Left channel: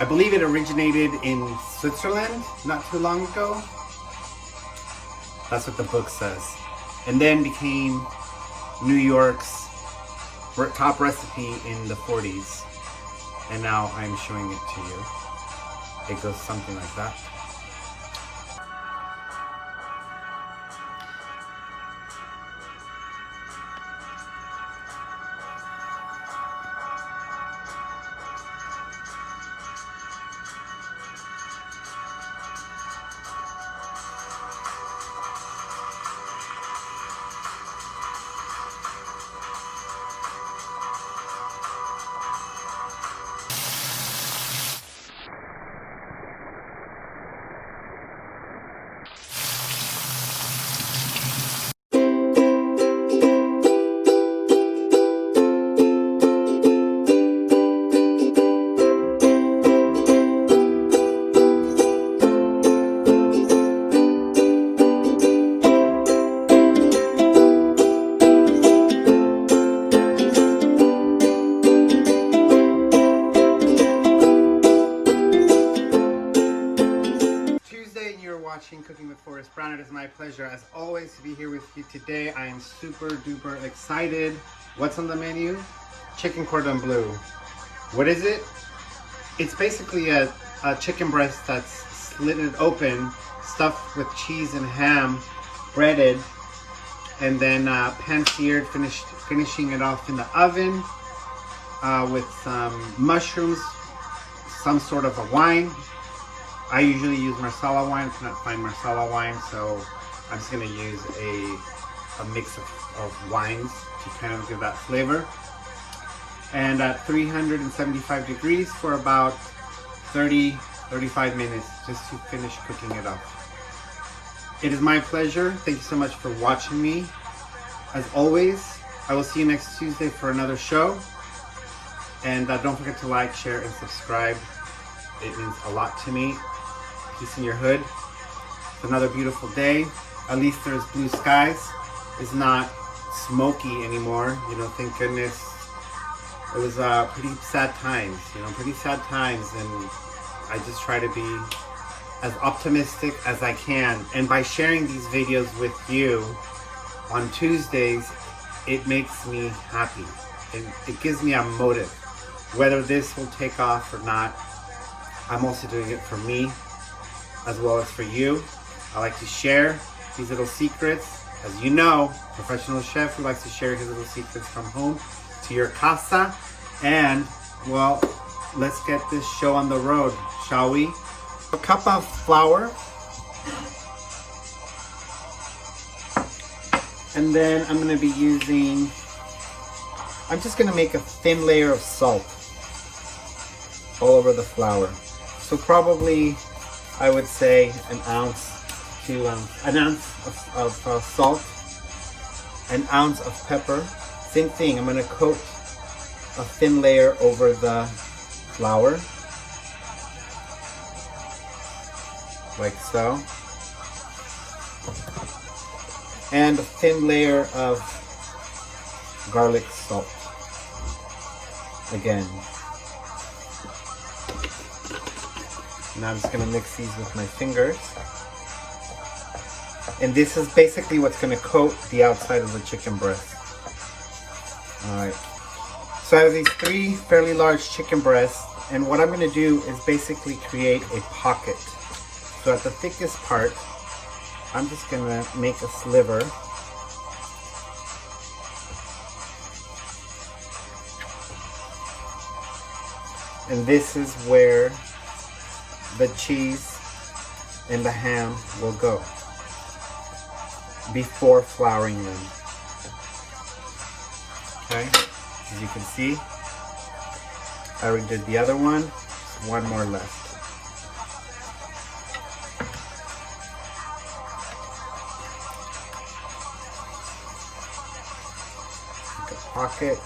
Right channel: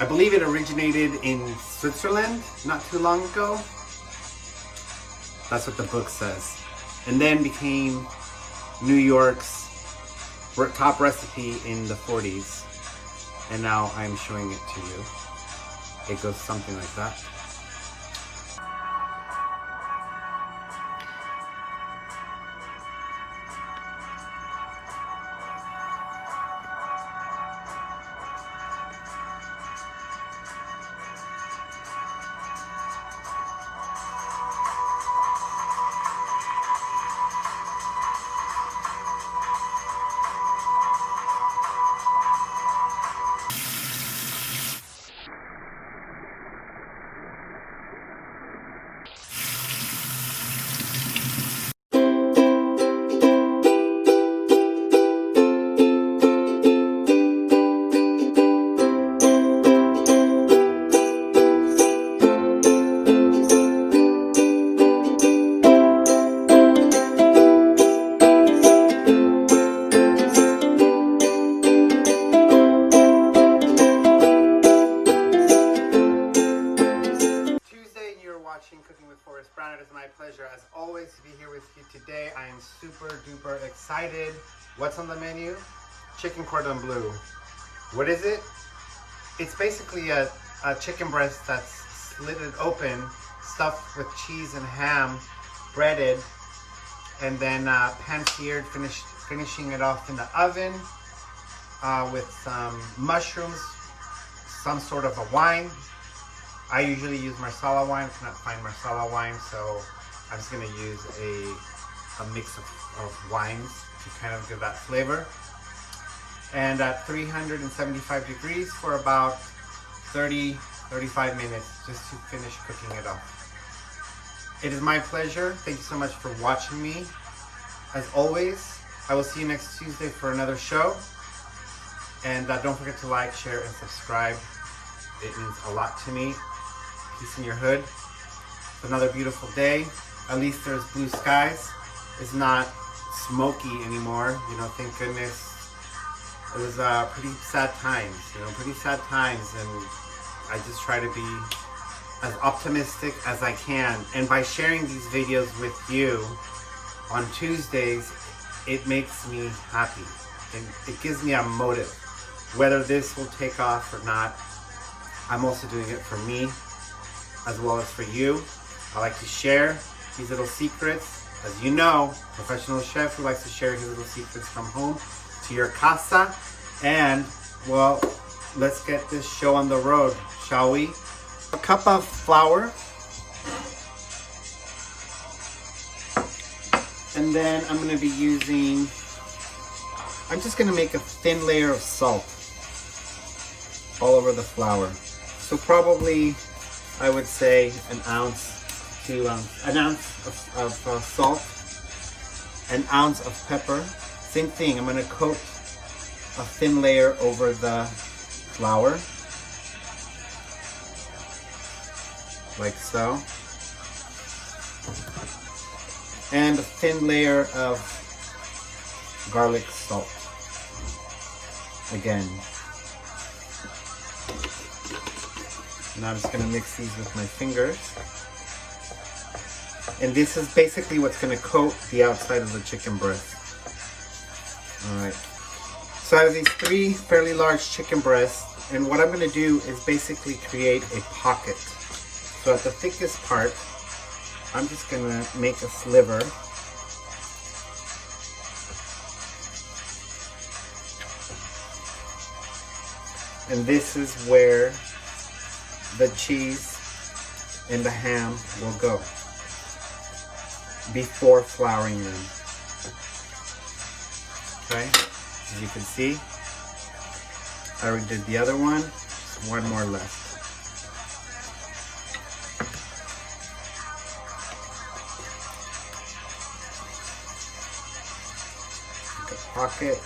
I believe it originated in Switzerland not too long ago. That's what the book says. And then became New York's top recipe in the 40s. And now I'm showing it to you. It goes something like that. Cooking with Forrest Brown. It is my pleasure as always to be here with you today. I am super duper excited. What's on the menu? Chicken Cordon Bleu. What is it? It's basically a chicken breast that's slitted open, stuffed with cheese and ham, breaded, and then pan-seared, finishing it off in the oven with some mushrooms, some sort of a wine. I usually use Marsala wine. I cannot find Marsala wine, so I'm just going to use a mix of wines to kind of give that flavor. And at 375 degrees for about 30-35 minutes just to finish cooking it off. It is my pleasure. Thank you so much for watching me. As always, I will see you next Tuesday for another show. And don't forget to like, share, and subscribe. It means a lot to me. Peace in your hood. It's another beautiful day. At least there's blue skies. It's not smoky anymore. You know, thank goodness. It was pretty sad times. You know, pretty sad times, and I just try to be as optimistic as I can. And by sharing these videos with you on Tuesdays, it makes me happy, and it gives me a motive. Whether this will take off or not, I'm also doing it for me, as well as for you. I like to share these little secrets. As you know, professional chef who likes to share his little secrets from home to your casa. And, well, let's get this show on the road, shall we? A cup of flour. And then I'm going to be using, I'm just going to make a thin layer of salt all over the flour. So probably, I would say an ounce of salt, an ounce of pepper. Same thing, I'm going to coat a thin layer over the flour, like so. And a thin layer of garlic salt, again. Now I'm just going to mix these with my fingers. And this is basically what's going to coat the outside of the chicken breast. Alright. So I have these 3 fairly large chicken breasts, and what I'm going to do is basically create a pocket. So at the thickest part, I'm just going to make a sliver. And this is where the cheese and the ham will go before flouring them. Okay, as you can see, I already did the other one, just one more left. Make a pocket.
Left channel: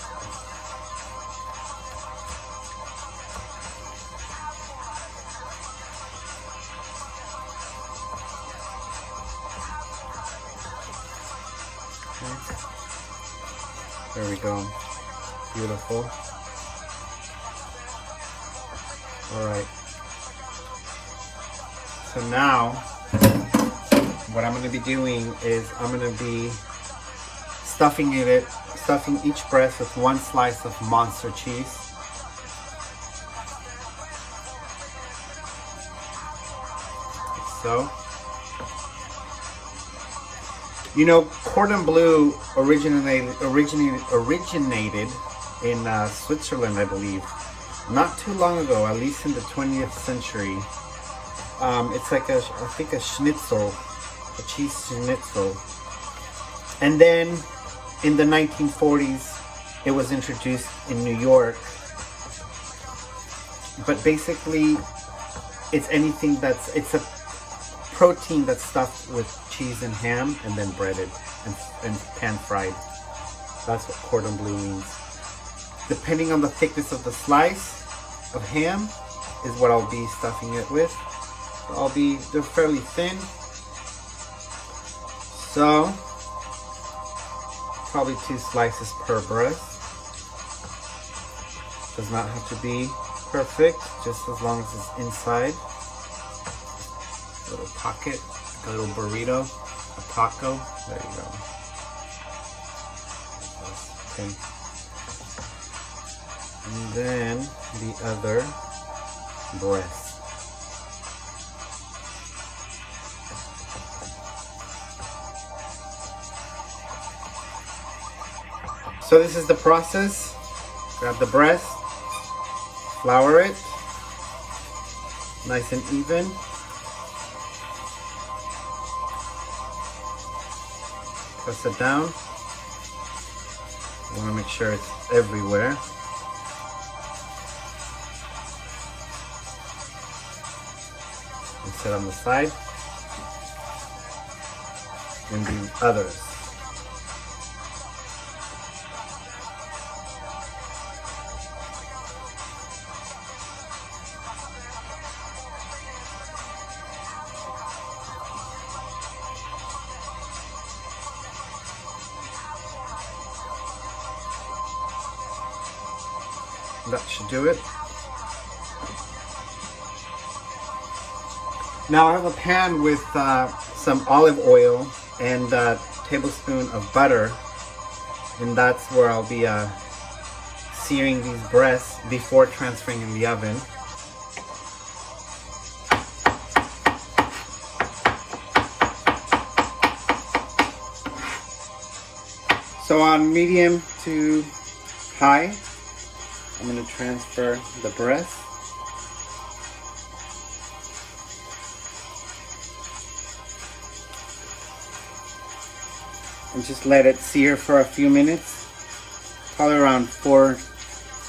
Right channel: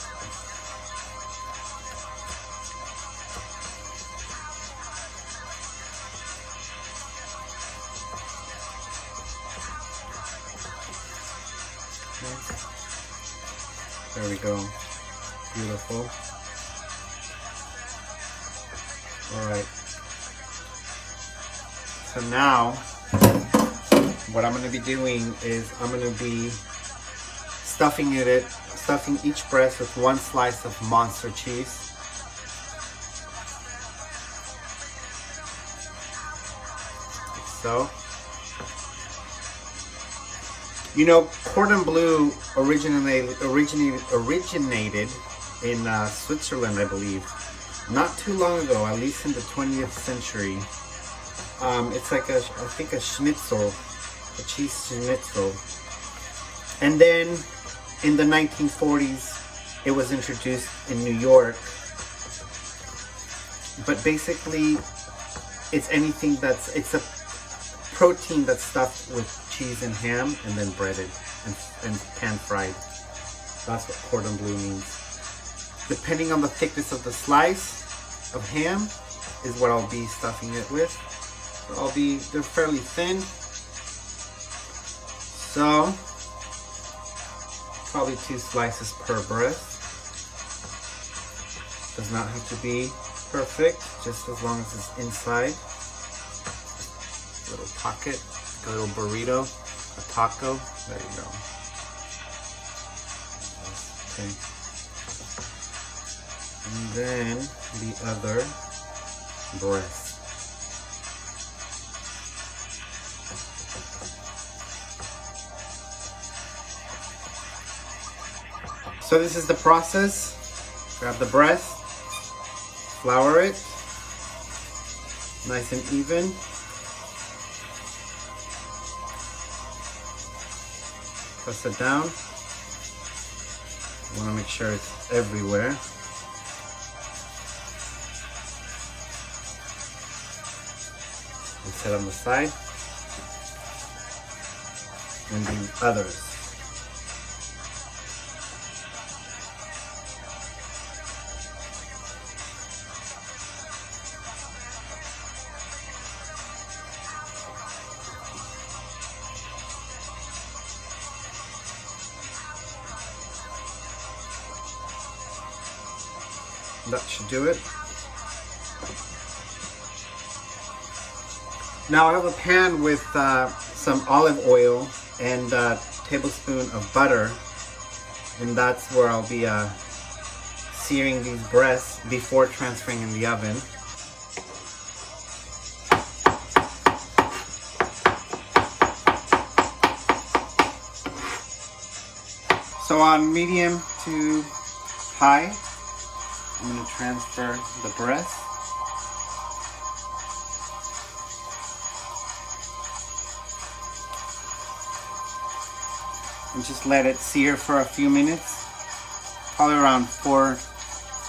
There we go. Beautiful. All right. So now, what I'm going to be doing is I'm going to be stuffing each breast with one slice of Monster cheese. Like so. You know, cordon bleu originated in Switzerland, I believe. Not too long ago, at least in the 20th century. It's like I think a schnitzel, a cheese schnitzel. And then in the 1940s, it was introduced in New York. But basically, it's a protein that's stuffed with cheese and ham and then breaded and pan fried. That's what cordon bleu means. Depending on the thickness of the slice of ham is what I'll be stuffing it with. So they're fairly thin. So probably 2 slices per breast. Does not have to be perfect, just as long as it's inside. Little pocket, a little burrito, a taco. There you go. Okay. And then the other breast. So this is the process. Grab the breast, flour it, nice and even. Press it down. You want to make sure it's everywhere. And set on the side. And the others. That should do it. Now I have a pan with some olive oil and a tablespoon of butter, and that's where I'll be searing these breasts before transferring in the oven. So on medium to high, I'm going to transfer the breast. And just let it sear for a few minutes, probably around 4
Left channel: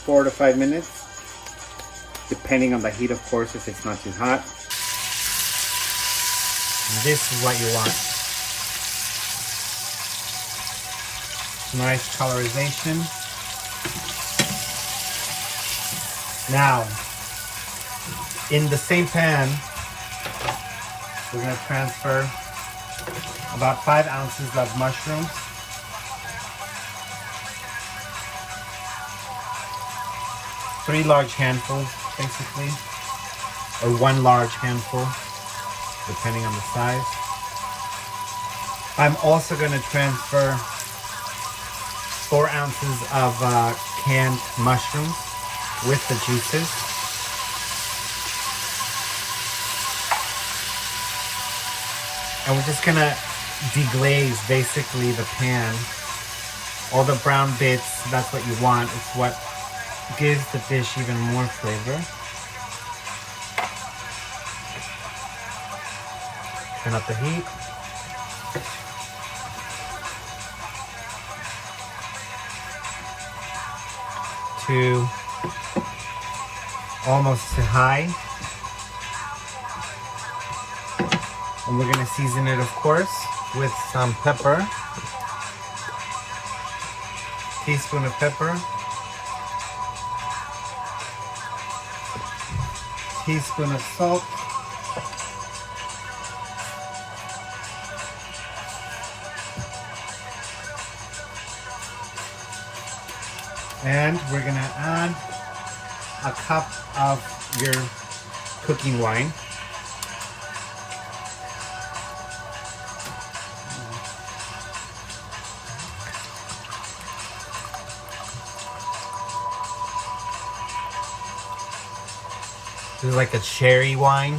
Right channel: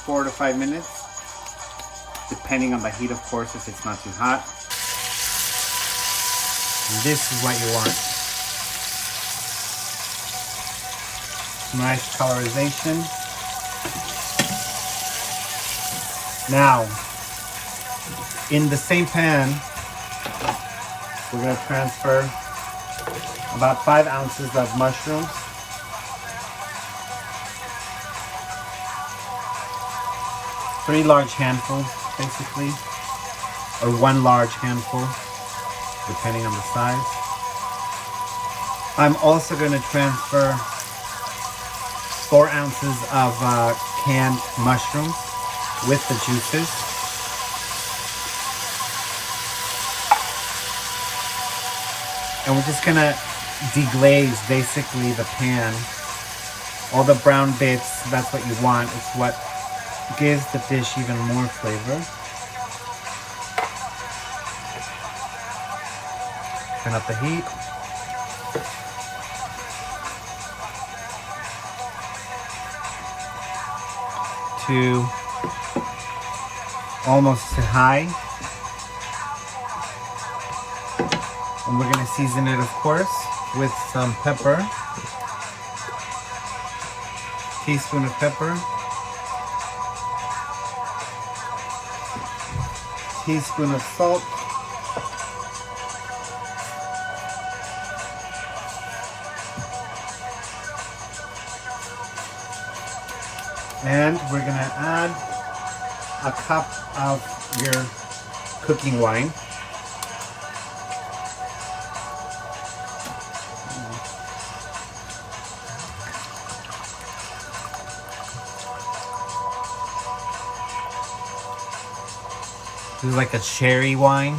to 5 minutes, depending on the heat, of course, if it's not too hot. And this is what you want. Nice colorization. Now, in the same pan, we're going to transfer about 5 ounces of mushrooms. Three large handfuls, basically, or 1 large handful, depending on the size. I'm also going to transfer 4 ounces of canned mushrooms with the juices. And we're just gonna deglaze basically the pan. All the brown bits, that's what you want. It's what gives the dish even more flavor. Turn up the heat. To almost to high. And we're gonna season it, of course, with some pepper. Teaspoon of pepper. Teaspoon of salt. And we're gonna add a cup of your cooking wine. This is like a cherry wine.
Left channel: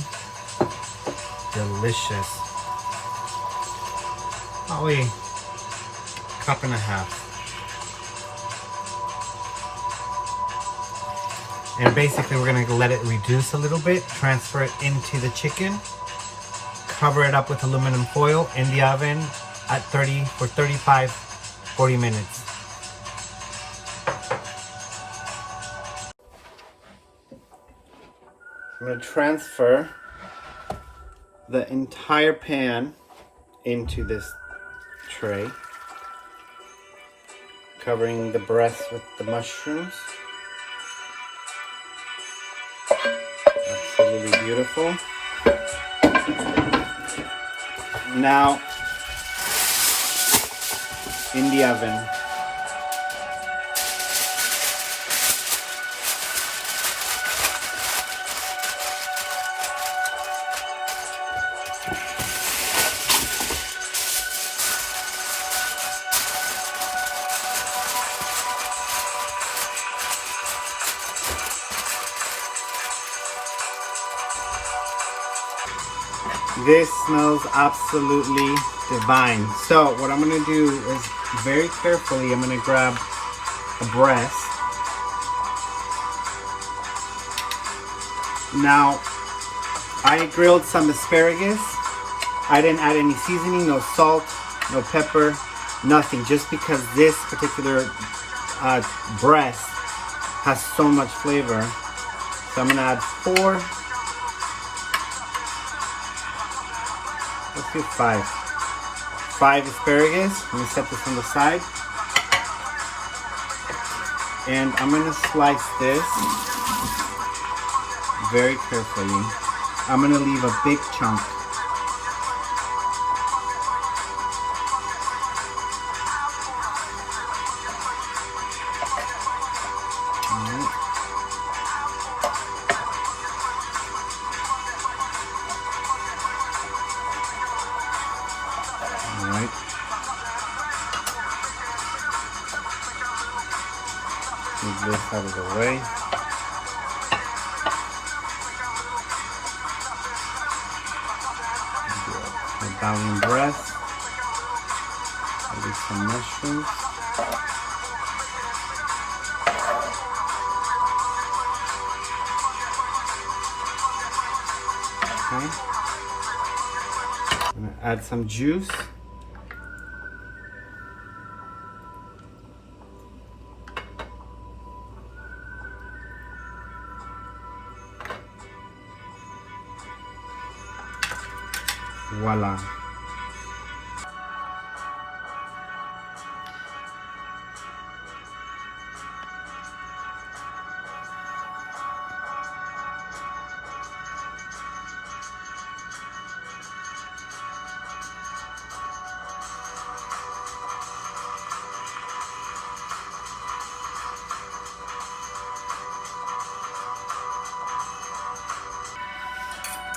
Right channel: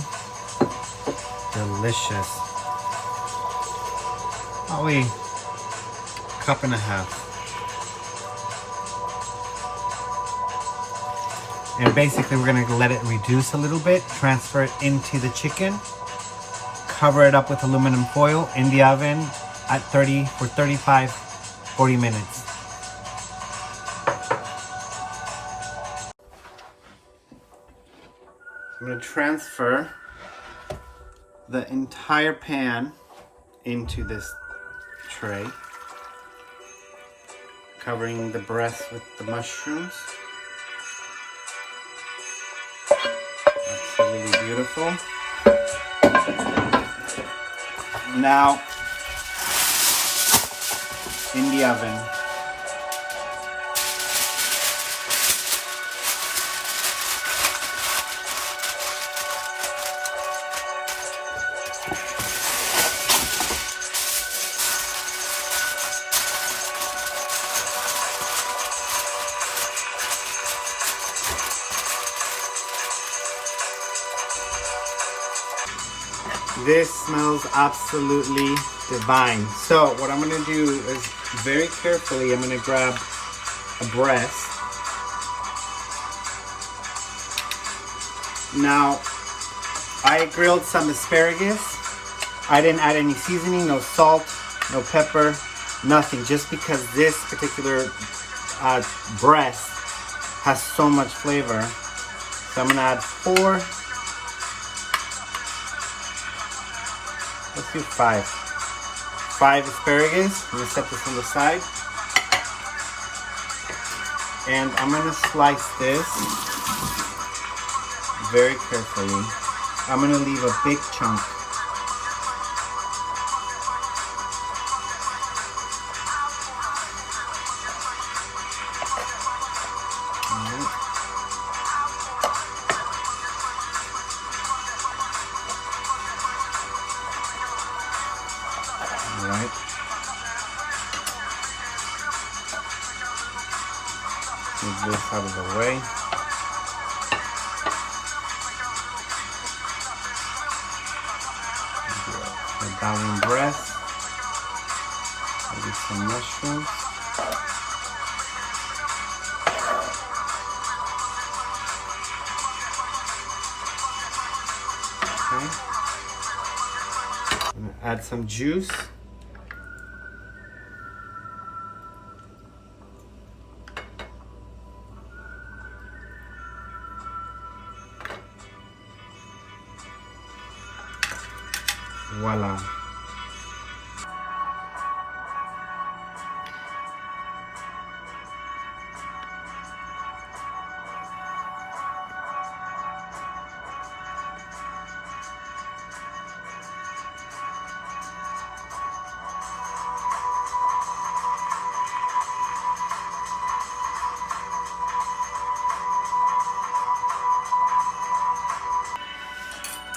Delicious. Probably a cup and a half. And basically we're gonna let it reduce a little bit, transfer it into the chicken, cover it up with aluminum foil in the oven at 40 minutes. I'm gonna transfer the entire pan into this tray, covering the breast with the mushrooms. Absolutely beautiful. Now, in the oven. This smells absolutely divine. So what I'm gonna do is very carefully, I'm gonna grab a breast. Now, I grilled some asparagus. I didn't add any seasoning, no salt, no pepper, nothing, just because this particular breast has so much flavor. So I'm gonna add 4. Let's do 5. 5 asparagus. I'm gonna set this on the side. And I'm gonna slice this very carefully. I'm gonna leave a big chunk. Alright. Move this out of the way. The Italian breast. Maybe some mushrooms. Okay. I'm gonna add some juice. Voila.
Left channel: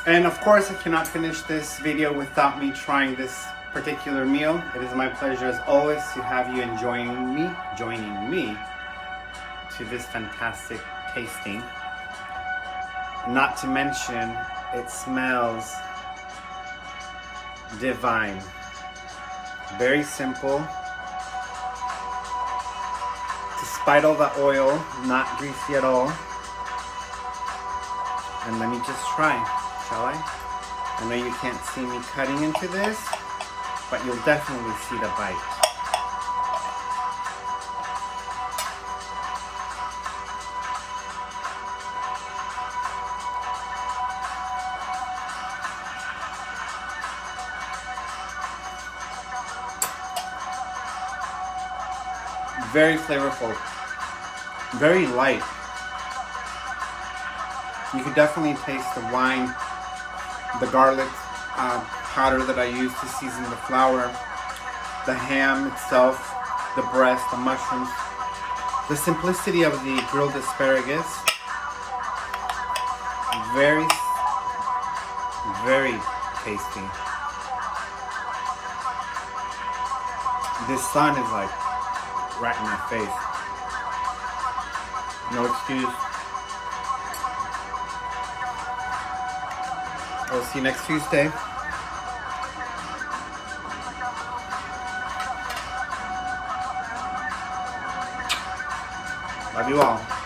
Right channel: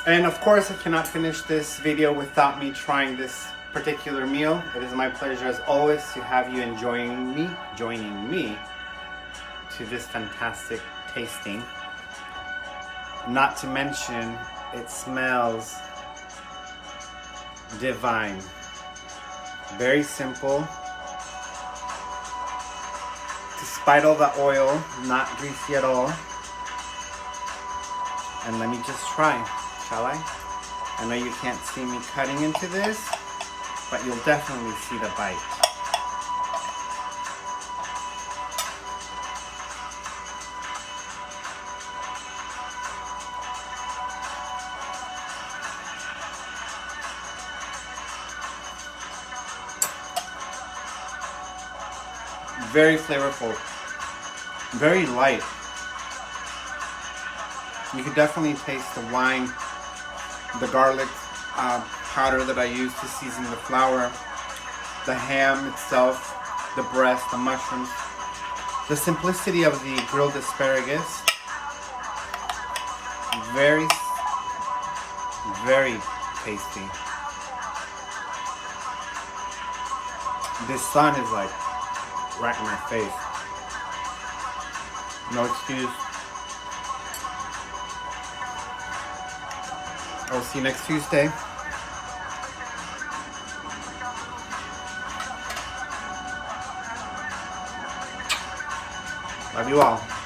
And of course, I cannot finish this video without me trying this particular meal. It is my pleasure as always to have you joining me to this fantastic tasting. Not to mention, it smells divine. Very simple. Despite all the oil, not greasy at all. And let me just try. Shall I? I know you can't see me cutting into this, but you'll definitely see the bite. Very flavorful, very light. You could definitely taste the wine, the garlic powder that I use to season the flour, the ham itself, the breast, the mushrooms, the simplicity of the grilled asparagus. Very, very tasty. This sun is like right in my face. No excuse. I will see you next Tuesday. Love you all.